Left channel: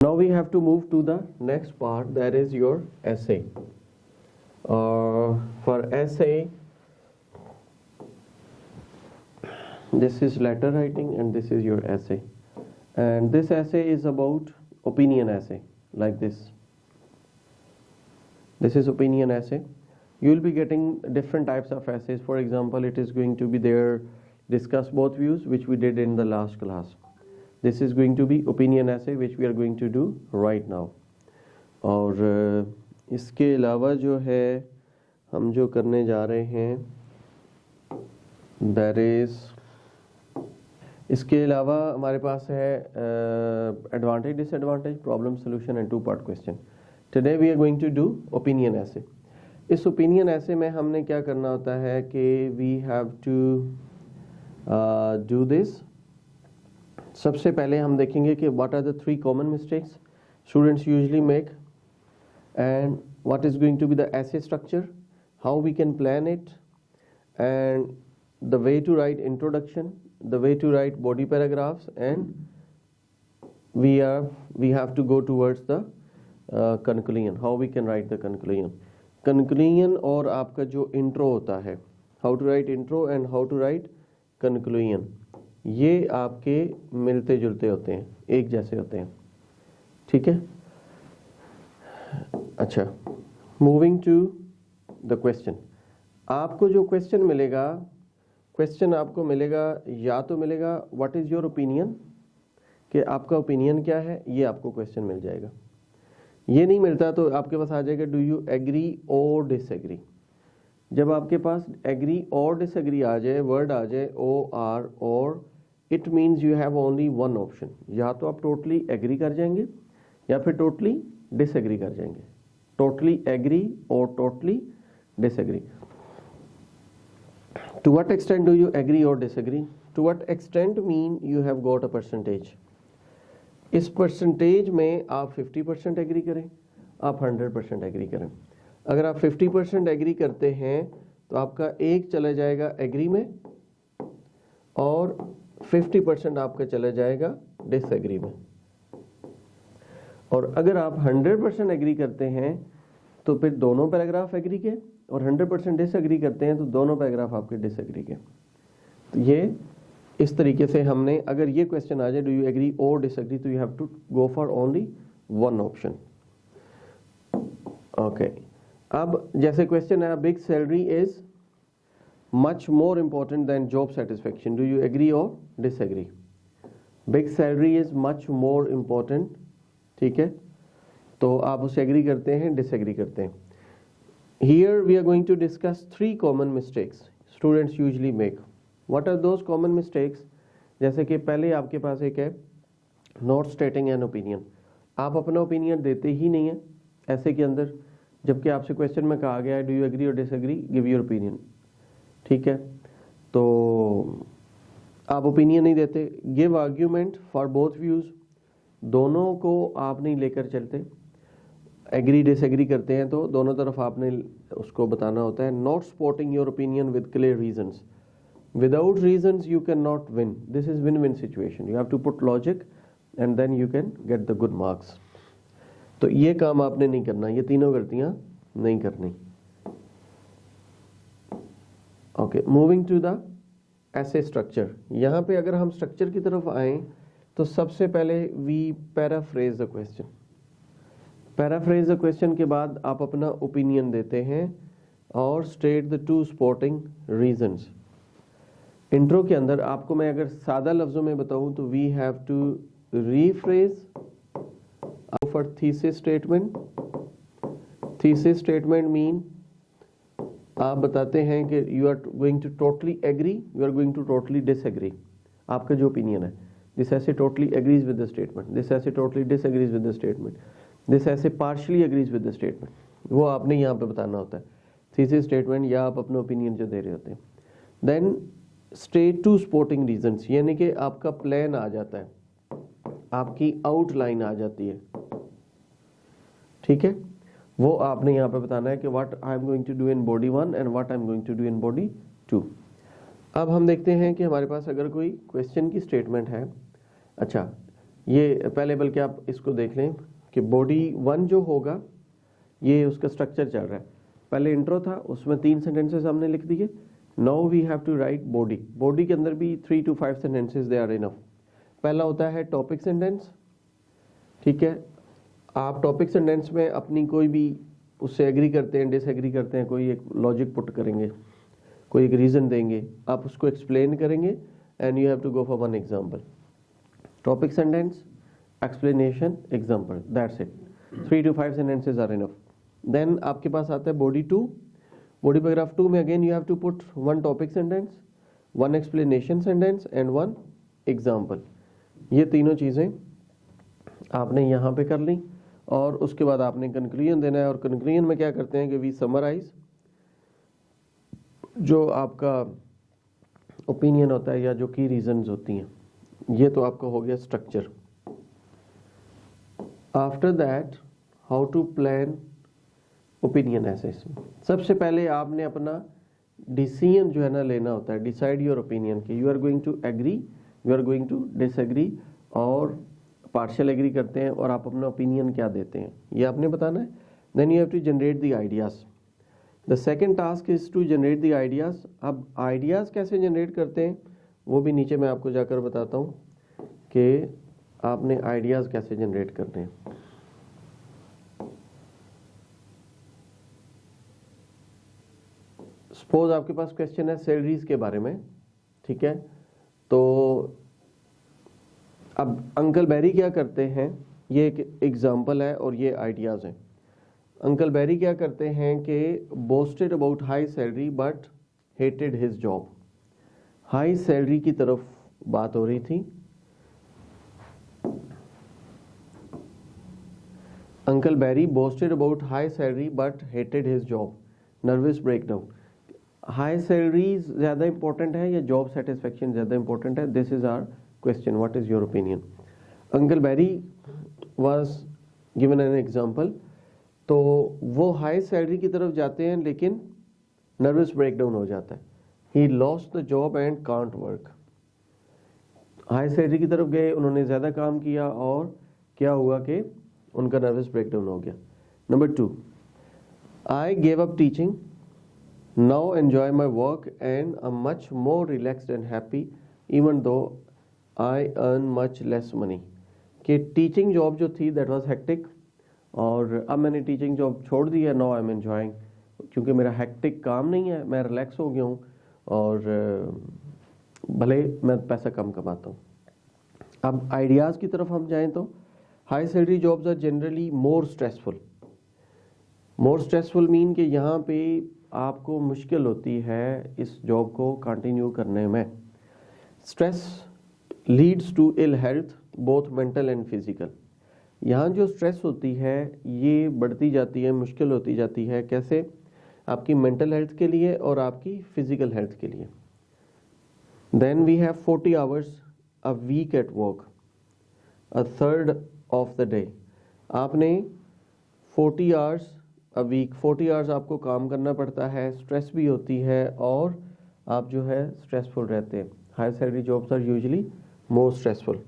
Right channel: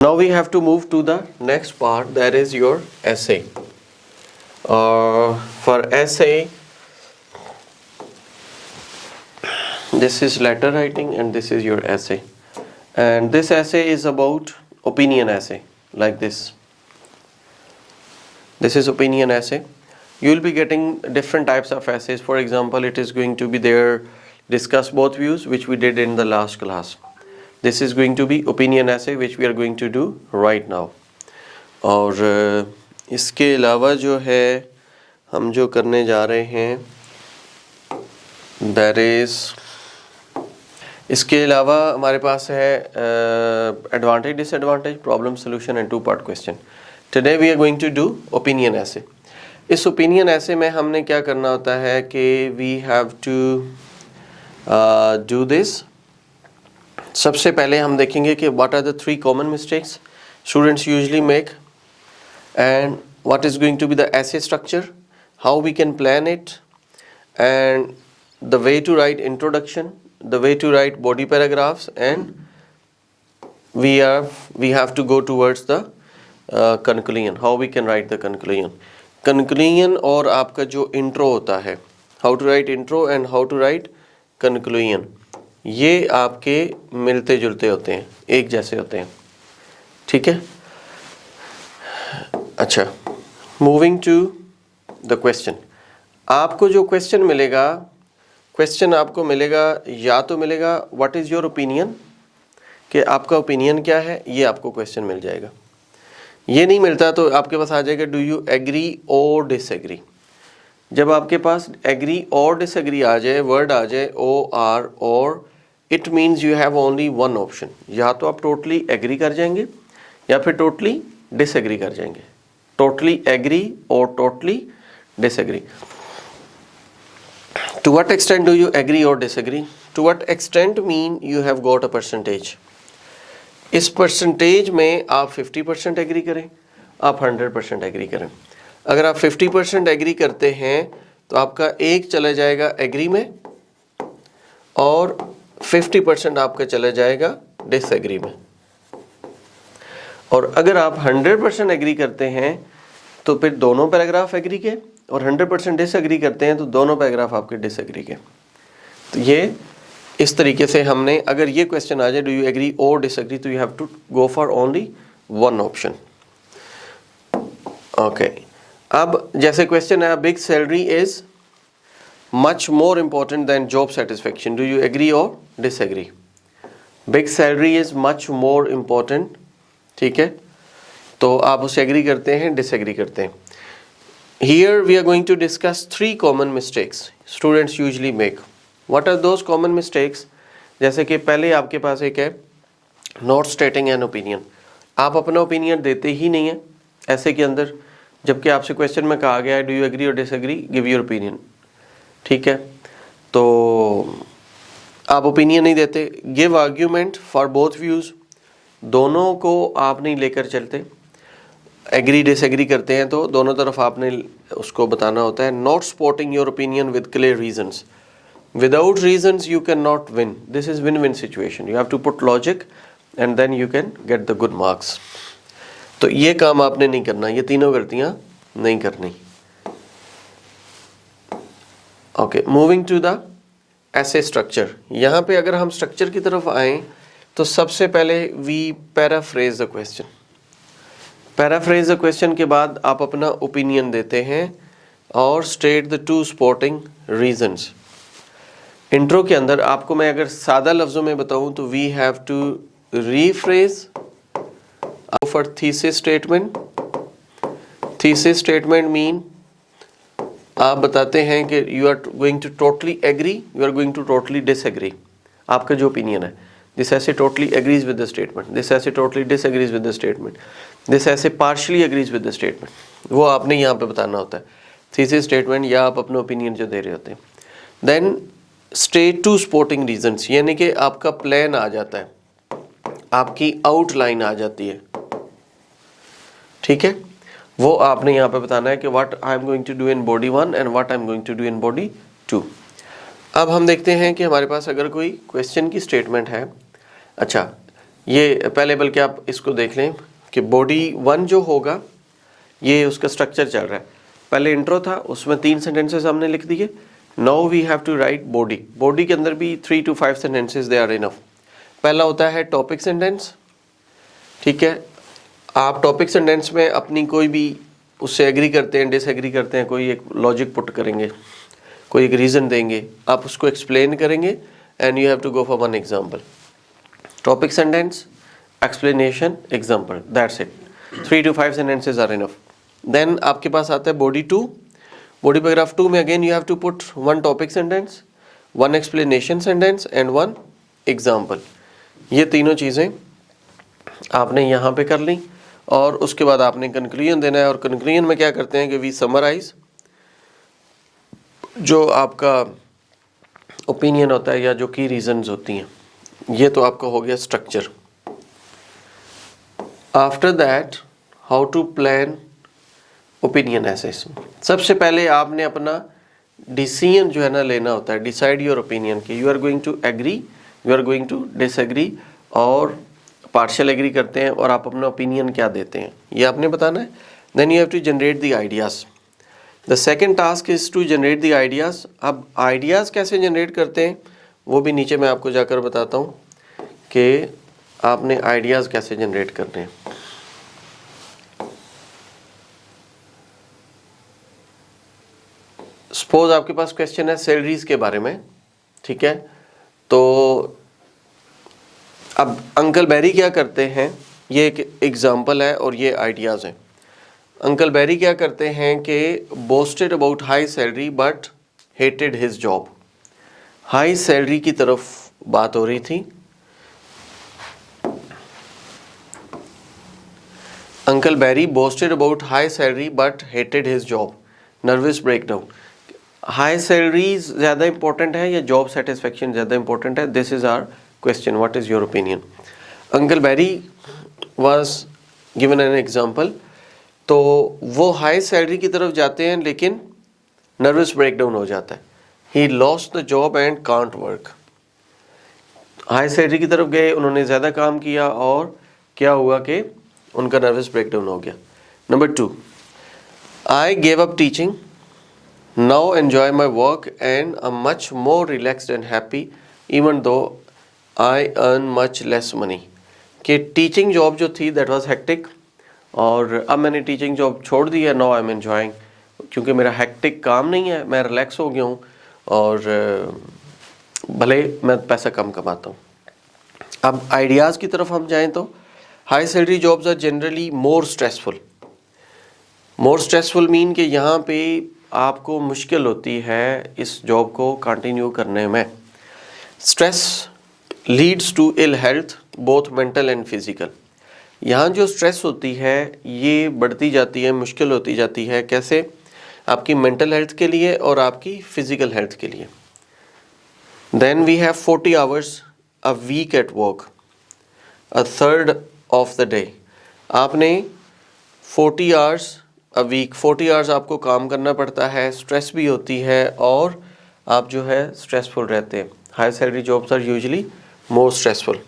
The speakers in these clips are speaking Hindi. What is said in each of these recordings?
Now we have to move to the next part, that is your essay. For essay, this is letter writing and this is your essay. And this essay is about opinion essay, like this. This is opinion essay. You will be getting different types of essays. For example, it is going to be there, discuss both views, which we did in the last class. This is going to be opinion essay, which we are going to do right now. और इसके अलावा जो है हम जो करने जा रहे हैं, that is, इसके अलावा हमारे पास है advantage disadvantage, problem solution and 2-part question. Today we are going to do opinion essay. इस ओपिनियन ऐसे में हमने क्या करना होता है कि we have to do this. सबसे पहले हम देखेंगे कि what are the 3 common mistakes students usually make and what is going to be the essay structure, how we can plan it, and the way to write introduction, the way to write body paragraphs, and we have to go towards the conclusion, how we can write the conclusion और आपका जो intro होता है, how to write intro and how to write conclusion, ये आपके मिलते जुलते होते हैं, एक जैसे होते हैं. ठीक है. अच्छा, moving to the question. आपको जो क्वेश्चन मिलेगा, क्वेश्चन आपको मिलेगा या तो मिलेगा व्हाट इज़ योर ओपिनियन, कि आपका ओपिनियन क्या है, ये आपको क्वेश्चन मिल जाएगा. ये नहीं मिलता तो आपके पास आ जाएगा डू यू एग्री और डिसएग्री. जब आपके पास एग्री और डिसएग्री आ जाए, वर्ड आ जाए ओ आर और, it means you have only one option. या तो आप टोटली एग्री कर जाएंगे या फिर टोटली डिसएग्री कर जाएंगे. टोटली एग्री और totally disagree. To what extent do you agree or disagree? To what extent mean you have got a percentage. इस परसेंटेज में आप 50% एग्री करें, आप 100% एग्री करें. अगर आप 50% एग्री करते हैं तो आपका एक चला जाएगा एग्री में और 50% आपका चला जाएगा डिसएग्री में. और अगर आप 100% एग्री करते हैं तो फिर दोनों पैराग्राफ एग्री के, और 100% डिसएग्री करते हैं तो दोनों पैराग्राफ आपके डिसएग्री के. तो ये इस तरीके से हमने, अगर ये क्वेश्चन आ जाए डू यू एग्री और डिसएग्री, तो you have to go for only one option. Okay. अब जैसे क्वेश्चन है, big salary is much more important than job satisfaction, do you agree और disagree. Big salary is much more important. ठीक है, तो आप उसे एग्री करते हैं, डिसएग्री करते हैं. Here we are going to discuss 3 common mistakes students usually make. What are those common mistakes? जैसे कि पहले आपके पास एक है not stating an opinion. आप अपना ओपिनियन देते ही नहीं है ऐसे के अंदर, जबकि आपसे क्वेश्चन में कहा गया है डू यू एग्री और डिसएग्री, गिव योर ओपिनियन. ठीक है, तो आप ओपिनियन नहीं देते. Give argument for both views, दोनों को आप नहीं लेकर चलते. एग्री डिसएग्री करते हैं तो दोनों तरफ आपने उसको बताना होता है. Not supporting your opinion with clear reasons. Without reasons you can not win. This is win win situation. You have to put logic and then you can get the good marks. तो ये काम आपने नहीं करना, ये तीनों गलतियां नहीं करनी. Okay, moving to the essay structure. यहाँ पे अगर हम स्ट्रक्चर की तरफ आएँ तो सबसे पहले we paraphrase the question. Paraphrase the question के बाद आप अपना ओपिनियन देते हैं और state the 2 supporting reasons. Intro के अंदर आपको मैं अगर सादा लफ्ज़ों में बताऊं तो we have to rephrase for thesis statement. Thesis statement mean आप बताते हैं कि you are going to totally agree, you are going to totally disagree. आपका जो ओपिनियन है, this essay totally agrees with the statement, this essay totally disagrees with the statement, this essay partially agrees with the statement. वो आपने यहाँ पे बताना होता है थीसिस स्टेटमेंट, या आप अपना ओपिनियन जो दे रहे होते हैं. देन स्टेट 2 सपोर्टिंग रीजंस, यानी कि आपका प्लान आ जाता है, आपकी आउटलाइन आ जाती है. ठीक है, वो आपने यहाँ पे बताना है कि what I am going to do in body 1 and what I am going to do in body 2. अब हम देखते हैं कि हमारे पास अगर कोई क्वेश्चन की स्टेटमेंट है. अच्छा, ये पहले बल्कि आप इसको देख लें कि बॉडी 1 जो होगा ये उसका स्ट्रक्चर चल रहा है। पहले इंट्रो था, उसमें 3 सेंटेंसेस हमने लिख दिए। Now we have to write body. Body के अंदर भी 3 to 5 sentences they are enough. पहला होता है टॉपिक सेंटेंस, ठीक है। आप टॉपिक सेंटेंस में अपनी कोई भी उससे एग्री करते हैं, डिसएग्री करते हैं, कोई एक लॉजिक पुट करेंगे, कोई एक रीज़न देंगे, आप उसको एक्सप्लेन करेंगे and you have to go for one example. Topic sentence, explanation, example, that's it. 3 to 5 sentences are enough. Then आपके पास आता है बॉडी 2। बॉडी पैराग्राफ 2 में again you have to put 1 topic sentence, 1 explanation sentence and 1 example. ये तीनों चीज़ें आपने यहाँ पे कर ली और उसके बाद आपने कंक्लूजन देना है। और कंक्लूजन में क्या करते हैं कि वी समराइज जो आपका ओपिनियन होता है या जो की रीजंस होती हैं। ये तो आपका हो गया structure. After that how to plan opinion essays. सबसे पहले आपने अपना डिसीजन जो है ना लेना होता है, डिसाइड योर ओपिनियन कि you are going to agree, you are going to disagree और पार्शियल एग्री करते हैं और आप अपना ओपिनियन क्या देते हैं ये आपने बताना है। Then you have to generate the ideas. The second task is to generate the ideas. अब आइडियाज़ कैसे जनरेट करते हैं वो भी नीचे मैं आपको जाकर बताता हूँ कि आपने आइडियाज़ कैसे जनरेट करने हैं। सपोज आपके पास क्वेश्चन है सैलरीज के बारे में, ठीक है। तो अब अंकल बैरी क्या करते हैं, ये एक एग्जांपल है और ये आइडियाज़ हैं। अंकल बैरी क्या करते हैं कि boasted about high salary but hated his job. High salary की तरफ बात हो रही थी। Uncle Barry boasted about high salary but hated his job. Nervous breakdown. High salary ज़्यादा इंपॉर्टेंट है या जॉब सेटिस्फेक्शन ज़्यादा इंपॉर्टेंट है? This is our question, what is your opinion? Uncle Barry was given an example. तो वो हाई सैलरी की तरफ जाते हैं लेकिन नर्वस ब्रेकडाउन हो जाता है। He lost the job and can't work. High salary की तरफ गए, उन्होंने ज़्यादा काम किया और क्या हुआ कि उनका नर्वस ब्रेकडाउन हो गया। Number 2, I gave up teaching, now enjoy my work and I am much more relaxed and happy even though I earn much less money. कि टीचिंग जॉब जो थी दैट वाज हेक्टिक और अब मैंने टीचिंग जॉब छोड़ दी है, नाउ आई एम एन्जॉइंग, क्योंकि मेरा हेक्टिक काम नहीं है, मैं रिलैक्स हो गया हूँ और भले मैं पैसा कम कमाता हूँ। अब आइडियाज़ की तरफ हम जाएं तो high salary jobs are generally more stressful. More stressful mean कि यहाँ पे आपको मुश्किल होती है इस जॉब को कंटिन्यू करने में। Stress leads to ill health both mental and physical. यहाँ जो स्ट्रेस होती है ये बढ़ती जाती है, मुश्किल होती जाती है। कैसे? आपकी मेंटल हेल्थ के लिए और आपकी फिजिकल हेल्थ के लिए। Then we have 40 hours a week at work, a third of the day. आपने 40 आवर्स अ वीक, 40 आवर्स आपको काम करना पड़ता है, स्ट्रेस भी होती है और आप जो है स्ट्रेसफुल रहते हैं। High salary jobs are usually more stressful.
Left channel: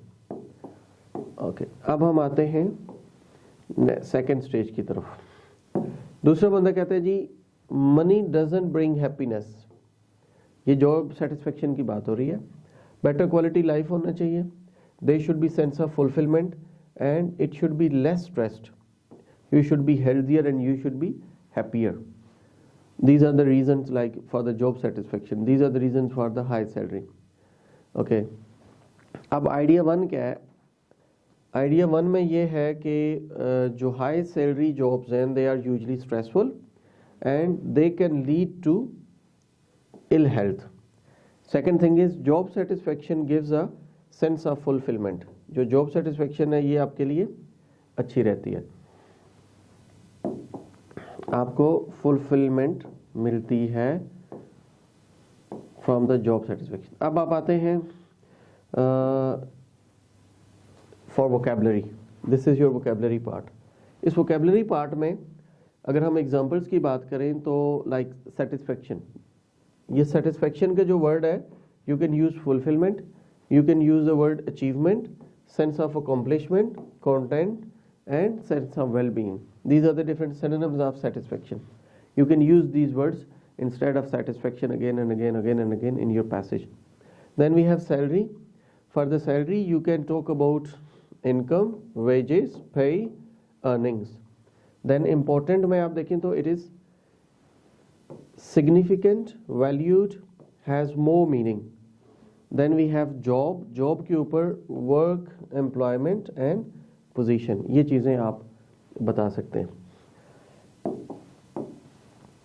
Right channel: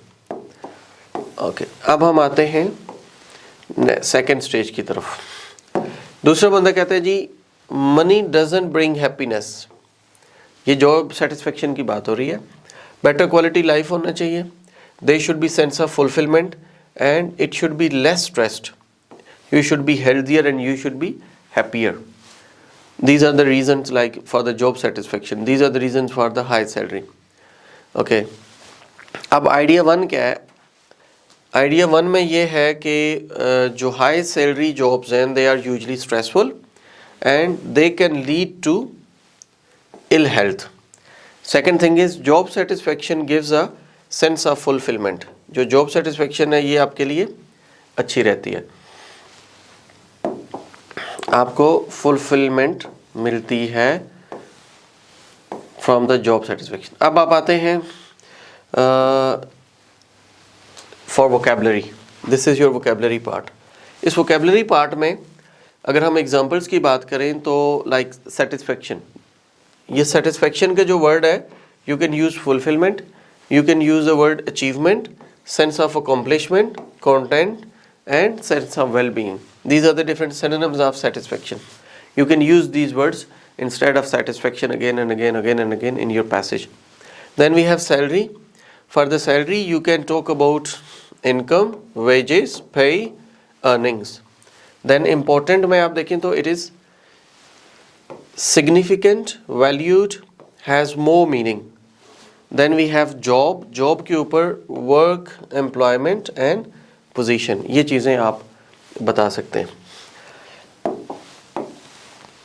Okay, अब हम आते हैं सेकेंड स्टेज की तरफ। दूसरा बंदा कहता है जी मनी डजंट ब्रिंग हैप्पीनेस। ये जॉब सेटिस्फेक्शन की बात हो रही है। बेटर क्वालिटी लाइफ होना चाहिए, they should be sense of fulfilment and it should be less stressed, you should be healthier and you should be happier. These are the reasons like for the job satisfaction. These are the reasons for the high salary. Okay. अब आइडिया 1 क्या है? आइडिया 1 में ये है कि जो हाई सैलरी जॉब्स हैं they are usually stressful and they can lead to ill health. Second thing is job satisfaction gives a sense of fulfilment. जो जॉब सेटिस्फेक्शन है ये आपके लिए अच्छी रहती है, आपको फुलफिलमेंट मिलती है फ्रॉम द जॉब सेटिस्फेक्शन। अब आप आते हैं for vocabulary. This is your vocabulary part. इस वोकेबलरी पार्ट में अगर हम एग्जांपल्स की बात करें तो लाइक सेटिस्फेक्शन, ये सेटिस्फेक्शन का जो वर्ड है you can use fulfilment, you can use the word achievement, sense of accomplishment, content, and sense of well-being. These are the different synonyms of satisfaction. You can use these words instead of satisfaction again and again in your passage. Then we have salary. For the salary, you can talk about income, wages, pay, earnings. Then important में आप देखें तो it is significant, valued, has more meaning. Then we have job. Job के ऊपर work, employment and position. ये चीज़ें आप बता सकते हैं.